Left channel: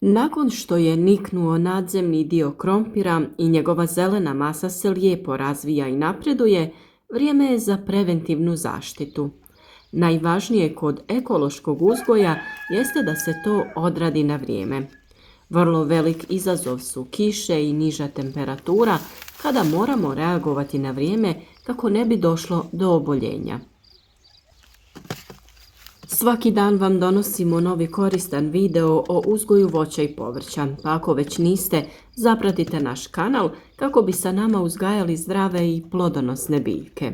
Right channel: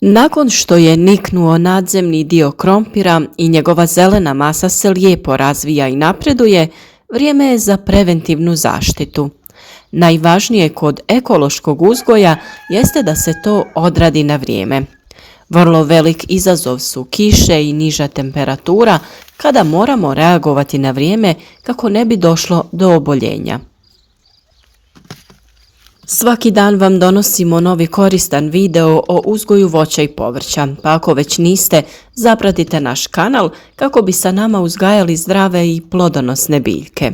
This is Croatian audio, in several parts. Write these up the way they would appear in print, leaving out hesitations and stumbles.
Nakon što je niknuo nadzemni dio krompira i njegova zelena masa se lijepo razvija i napreduje, vrijeme je za preventivnu zaštitu. Najvažnije kod ekološkog uzgoja jeste da se to odradi na vrijeme. Vrlo velik izazov su kiše i niža temperatura kada moramo reagovati na vrijeme kako ne bi došlo do oboljenja. Svaki dan vam donosimo novi koristan video o uzgoju voća i povrća, pa ako već niste, zapratite naš kanal kako bi sa nama uzgajali zdrave i plodonosne biljke.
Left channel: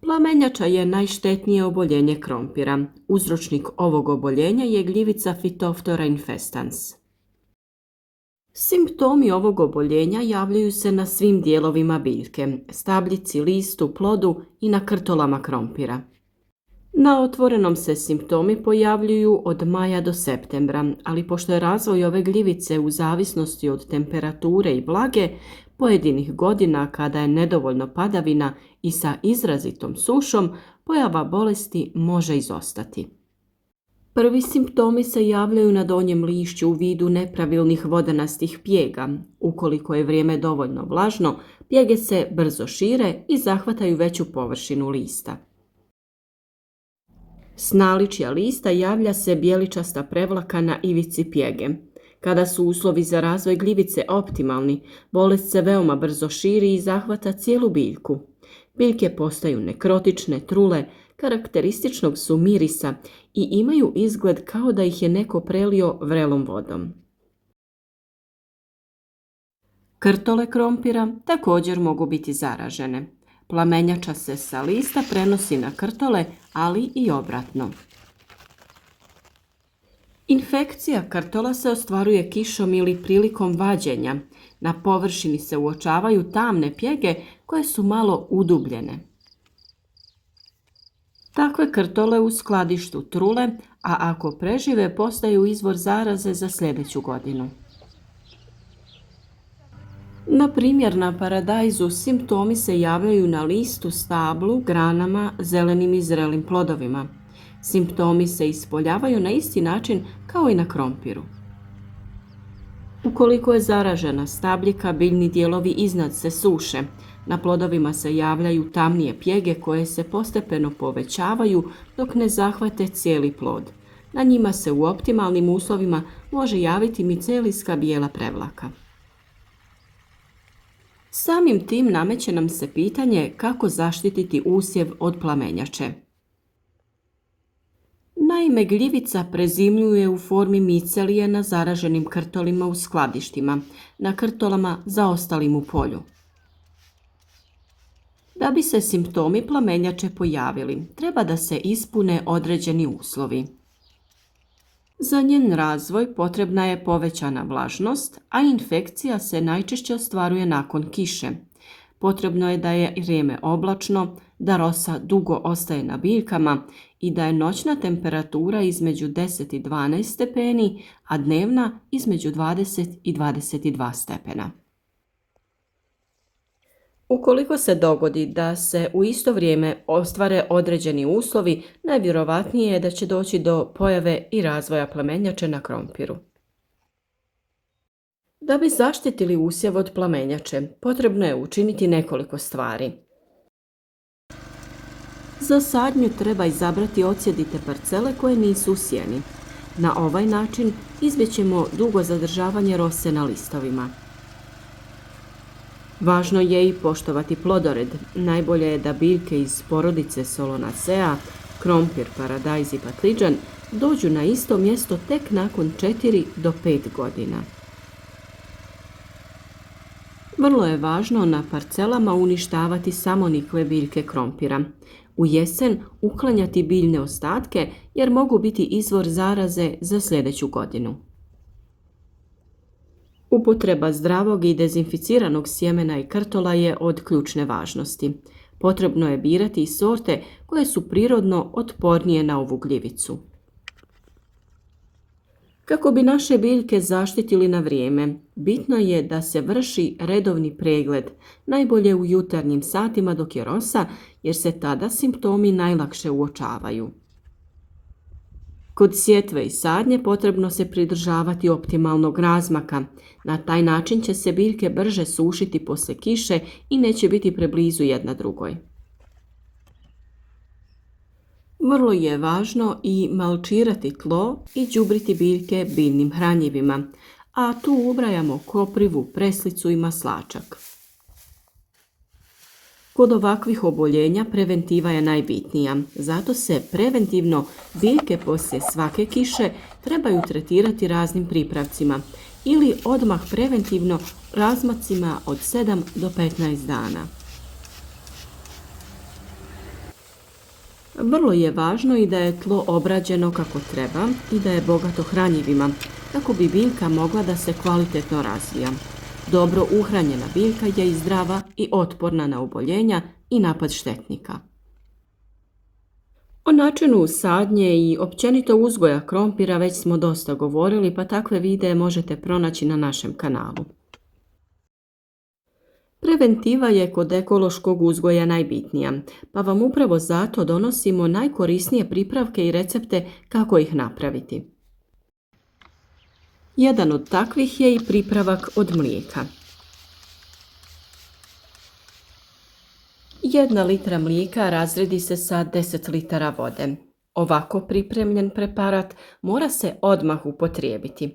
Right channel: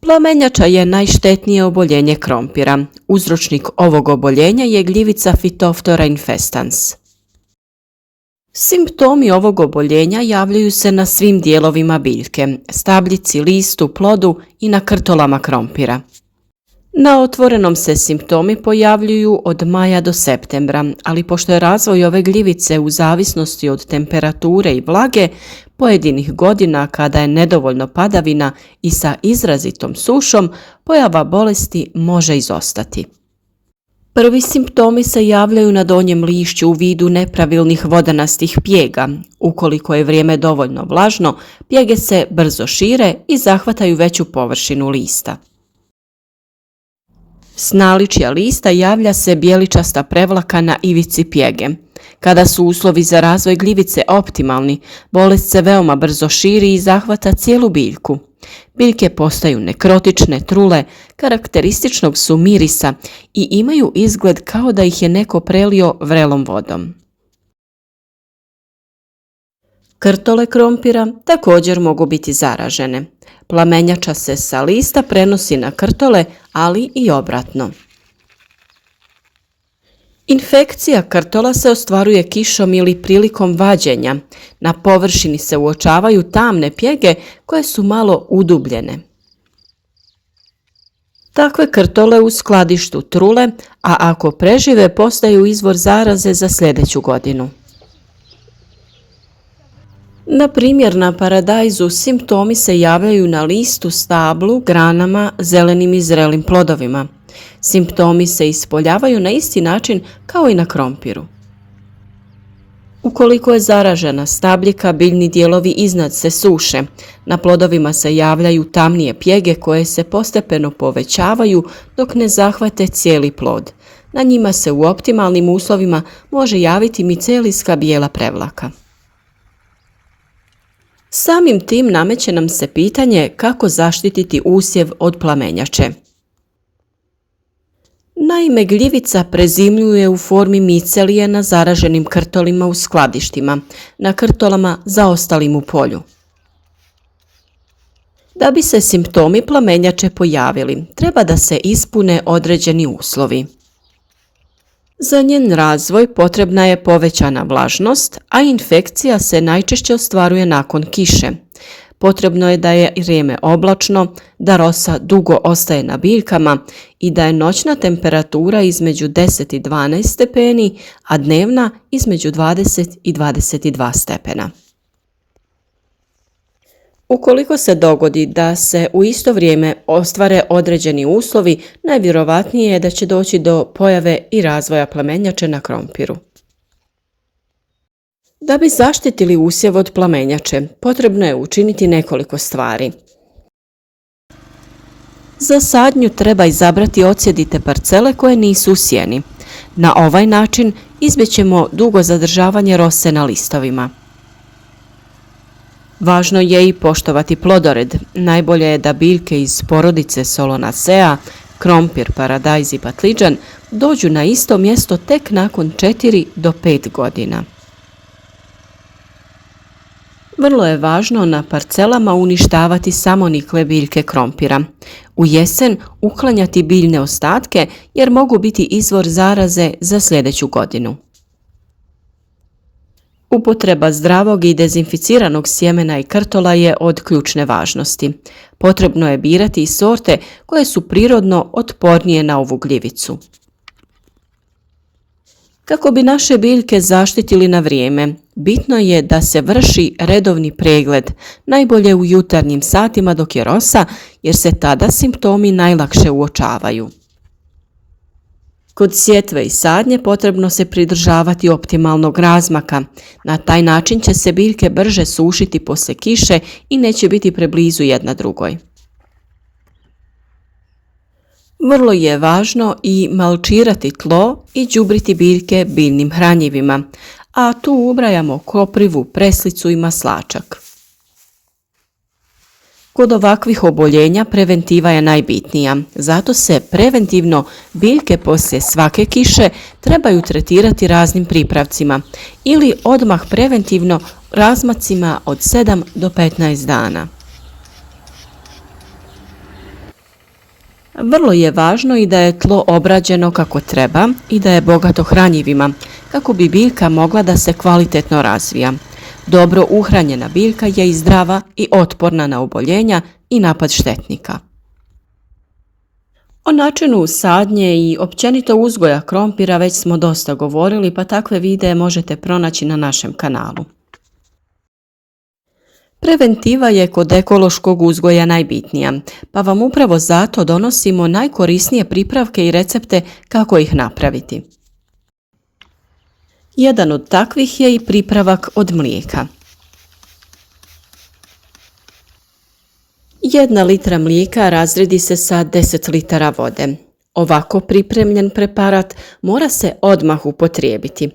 Plamenjača je najštetnije oboljenje krompira. Uzročnik ovog oboljenja je gljivica Phytophthora infestans. Simptomi ovog oboljenja javljaju se na svim dijelovima biljke, stabljici, listu, plodu i na krtolama krompira. Na otvorenom se simptomi pojavljuju od maja do septembra, ali pošto je razvoj ove gljivice u zavisnosti od temperature i vlage, pojedinih godina kada je nedovoljno padavina i sa izrazitom sušom, pojava bolesti može izostati. Prvi simptomi se javljaju na donjem lišću u vidu nepravilnih vodanastih pjega. Ukoliko je vrijeme dovoljno vlažno, pjege se brzo šire i zahvataju veću površinu lista. S naličja lista javlja se bijeličasta prevlaka na ivici pjege. Kada su uslovi za razvoj gljivice optimalni, bolest se veoma brzo širi i zahvata cijelu biljku. Biljke postaju nekrotične, trule, karakterističnog su mirisa i imaju izgled kao da ih je neko prelio vrelom vodom. Krtole krompira također mogu biti zaražene. Plamenjača se sa lista prenosi na krtole, ali i obratno. Infekcija krtola se ostvaruje kišom ili prilikom vađenja. Na površini se uočavaju tamne pjege koje su malo udubljene. Takve krtole u skladištu trule, a ako prežive postaju izvor zaraze za sljedeću godinu. Na primjer, na paradajzu simptomi se javljaju na listu, stablu, granama, zelenim i zrelim plodovima. Simptomi se ispoljavaju na isti način kao i na krompiru. Ukoliko je zaražena stabljika, biljni dijelovi iznad se suše. Na plodovima se javljaju tamnije pjege koje se postepeno povećavaju dok ne zahvate cijeli plod. Na njima se u optimalnim uslovima može javiti micelijska bijela prevlaka. Samim tim nameće nam se pitanje kako zaštititi usjev od plamenjače. Naime, gljivica prezimljuje u formi micelije na zaraženim krtolima u skladištima, na krtolama zaostalim u polju. Da bi se simptomi plamenjače pojavili, treba da se ispune određeni uslovi. Za njen razvoj potrebna je povećana vlažnost, a infekcija se najčešće ostvaruje nakon kiše. Potrebno je da je vrijeme oblačno, da rosa dugo ostaje na biljkama i da je noćna temperatura između 10 i 12 stepeni, a dnevna između 20 i 22 stepena. Ukoliko se dogodi da se u isto vrijeme ostvare određeni uslovi, najvjerojatnije je da će doći do pojave i razvoja plamenjače na krompiru. Da bi zaštitili usjev od plamenjače, potrebno je učiniti nekoliko stvari. Za sadnju treba izabrati odsjedite parcele koje nisu u sjeni. Na ovaj način izbjećemo dugo zadržavanje rose na listovima. Važno je i poštovati plodored. Najbolje je da biljke iz porodice Solanaceae, krompir, paradajz i patliđan dođu na isto mjesto tek nakon 4 do 5 godina. Vrlo je važno na parcelama uništavati samonikle biljke krompira. U jesen uklanjati biljne ostatke jer mogu biti izvor zaraze za sljedeću godinu. Upotreba zdravog i dezinficiranog sjemena i krtola je od ključne važnosti. Potrebno je birati i sorte koje su prirodno otpornije na ovu gljivicu. Kako bi naše biljke zaštitili na vrijeme, bitno je da se vrši redovni pregled, najbolje u jutarnjim satima dok je rosa, jer se tada simptomi najlakše uočavaju. Kod sjetve i sadnje potrebno se pridržavati optimalnog razmaka. Na taj način će se biljke brže sušiti poslije kiše i neće biti preblizu jedna drugoj. Vrlo je važno i malčirati tlo i đubriti biljke biljnim hranjivima, a tu ubrajamo koprivu, preslicu i maslačak. Kod ovakvih oboljenja preventiva je najbitnija, zato se preventivno biljke poslije svake kiše trebaju tretirati raznim pripravcima ili odmah preventivno razmacima od 7 do 15 dana. Vrlo je važno i da je tlo obrađeno kako treba i da je bogato hranjivima, kako bi biljka mogla da se kvalitetno razvija. Dobro uhranjena biljka je i zdrava i otporna na oboljenja i napad štetnika. O načinu sadnje i općenito uzgoja krompira već smo dosta govorili, pa takve videe možete pronaći na našem kanalu. Preventiva je kod ekološkog uzgoja najbitnija, pa vam upravo zato donosimo najkorisnije pripravke i recepte kako ih napraviti. Jedan od takvih je i pripravak od mlijeka. 1 litra mlijeka razredi se sa 10 litara vode. Ovako pripremljen preparat mora se odmah upotrijebiti.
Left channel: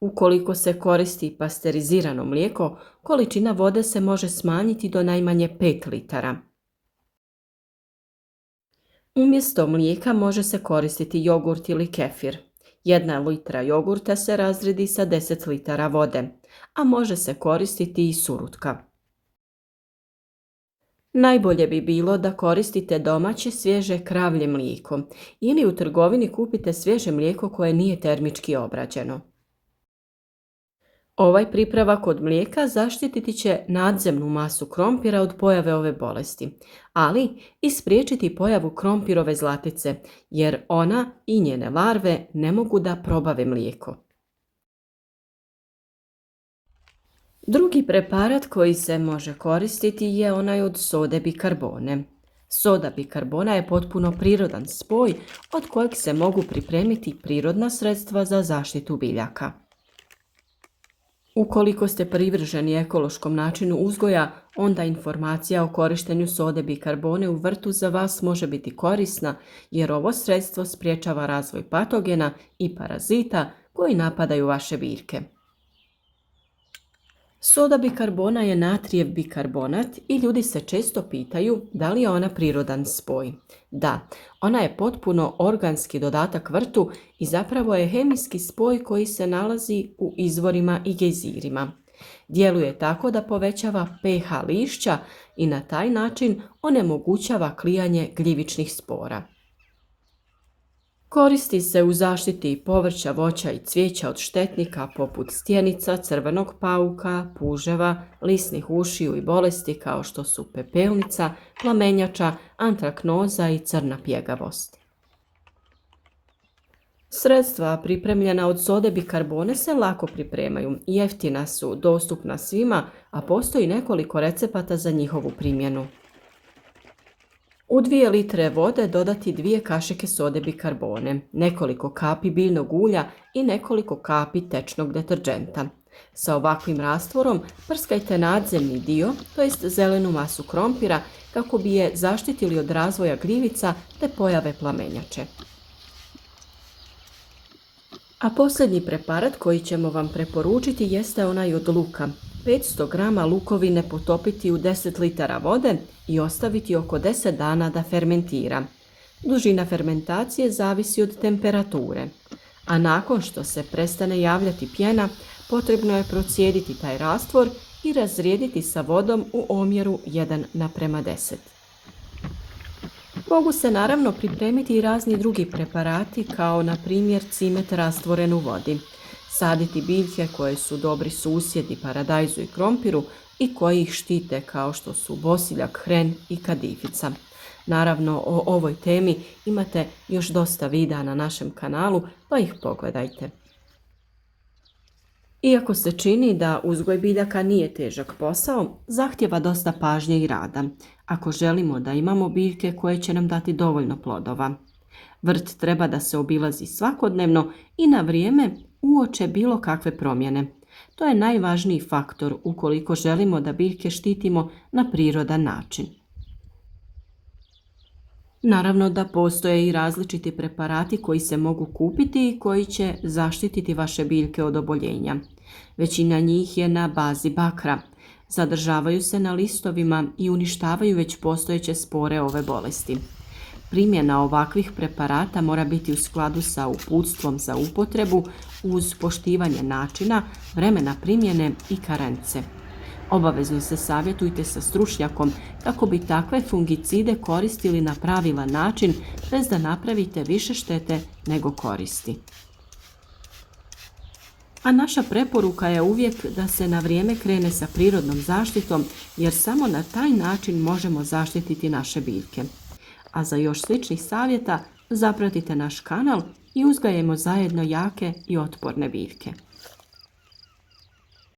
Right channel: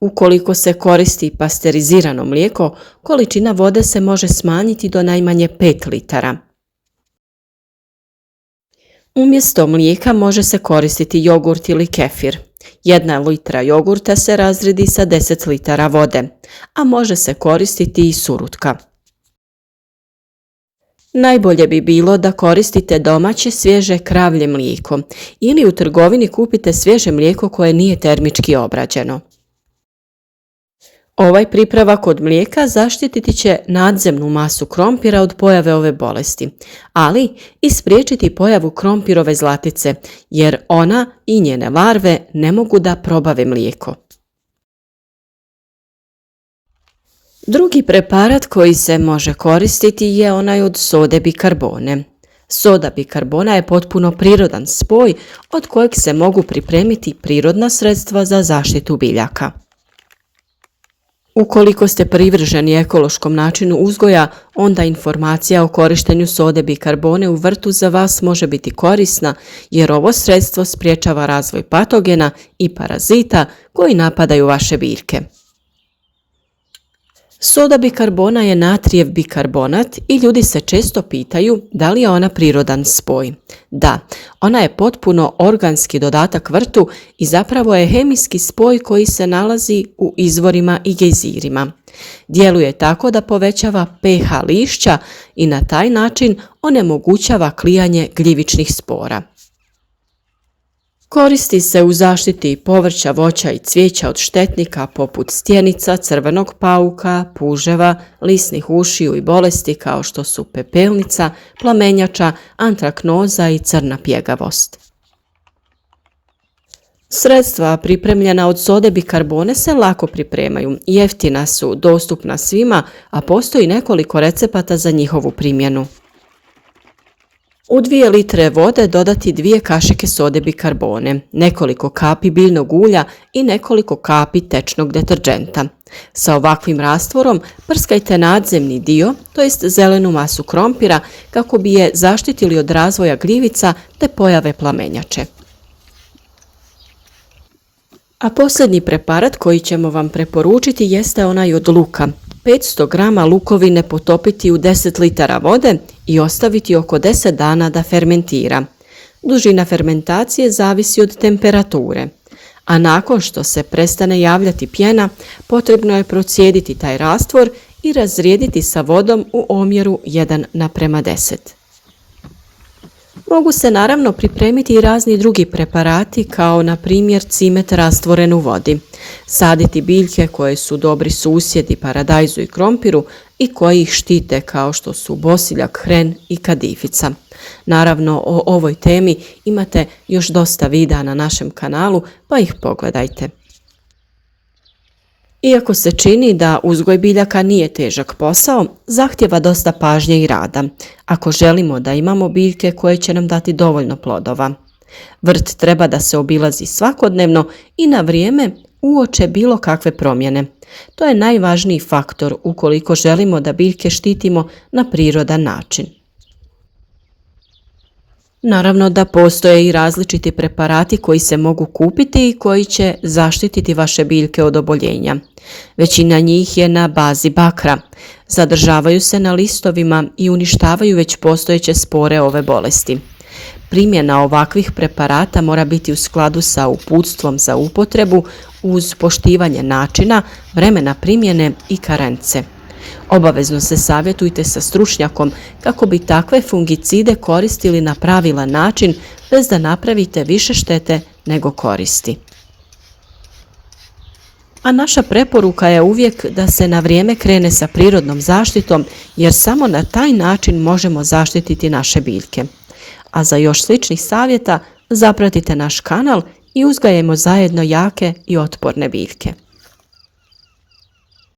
Ukoliko se koristi pasterizirano mlijeko, količina vode se može smanjiti do najmanje 5 litara. Umjesto mlijeka može se koristiti jogurt ili kefir. 1 litra jogurta se razredi sa 10 litara vode, a može se koristiti i surutka. Najbolje bi bilo da koristite domaće svježe kravlje mlijeko ili u trgovini kupite svježe mlijeko koje nije termički obrađeno. Ovaj pripravak od mlijeka zaštititi će nadzemnu masu krompira od pojave ove bolesti, ali i spriječiti pojavu krompirove zlatice, jer ona i njene larve ne mogu da probave mlijeko. Drugi preparat koji se može koristiti je onaj od sode bikarbone. Soda bikarbona je potpuno prirodan spoj od kojeg se mogu pripremiti prirodna sredstva za zaštitu biljaka. Ukoliko ste privrženi ekološkom načinu uzgoja, onda informacija o korištenju sode bikarbone u vrtu za vas može biti korisna, jer ovo sredstvo sprječava razvoj patogena i parazita koji napadaju vaše biljke. Soda bikarbona je natrijev bikarbonat i ljudi se često pitaju da li je ona prirodan spoj. Da, ona je potpuno organski dodatak vrtu i zapravo je hemijski spoj koji se nalazi u izvorima i gejzirima. Djeluje tako da povećava pH lišća i na taj način onemogućava klijanje gljivičnih spora. Koristi se u zaštiti povrća, voća i cvijeća od štetnika poput stjenica, crvenog pauka, puževa, lisnih ušiju i bolesti kao što su pepelnica, plamenjača, antraknoza i crna pjegavost. Sredstva pripremljena od sode bikarbone se lako pripremaju, jeftina su, dostupna svima, a postoji nekoliko recepata za njihovu primjenu. U 2 litre vode dodati 2 kašike sode bikarbone, nekoliko kapi biljnog ulja i nekoliko kapi tečnog deterdženta. Sa ovakvim rastvorom prskajte nadzemni dio, to jest zelenu masu krompira, kako bi je zaštitili od razvoja gljivica te pojave plamenjače. A posljednji preparat koji ćemo vam preporučiti jeste onaj od luka. 500 grama lukovine potopiti u 10 litara vode i ostaviti oko 10 dana da fermentira. Dužina fermentacije zavisi od temperature, a nakon što se prestane javljati pjena, potrebno je procijediti taj rastvor i razrijediti sa vodom u omjeru 1:10. Mogu se naravno pripremiti i razni drugi preparati kao na primjer cimet rastvoren u vodi, saditi biljke koje su dobri susjedi paradajzu i krompiru i koji ih štite kao što su bosiljak, hren i kadifica. Naravno, o ovoj temi imate još dosta videa na našem kanalu, pa ih pogledajte. Iako se čini da uzgoj biljaka nije težak posao, zahtjeva dosta pažnje i rada, ako želimo da imamo biljke koje će nam dati dovoljno plodova. Vrt treba da se obilazi svakodnevno i na vrijeme uoče bilo kakve promjene. To je najvažniji faktor ukoliko želimo da biljke štitimo na prirodan način. Naravno da postoje i različiti preparati koji se mogu kupiti i koji će zaštititi vaše biljke od oboljenja. Većina njih je na bazi bakra. Zadržavaju se na listovima i uništavaju već postojeće spore ove bolesti. Primjena ovakvih preparata mora biti u skladu sa uputstvom za upotrebu uz poštivanje načina, vremena primjene i karence. Obavezno se savjetujte sa stručnjakom kako bi takve fungicide koristili na pravilan način bez da napravite više štete nego koristi. A naša preporuka je uvijek da se na vrijeme krene sa prirodnom zaštitom jer samo na taj način možemo zaštititi naše biljke. A za još sličnih savjeta zapratite naš kanal i uzgajajmo zajedno jake i otporne biljke.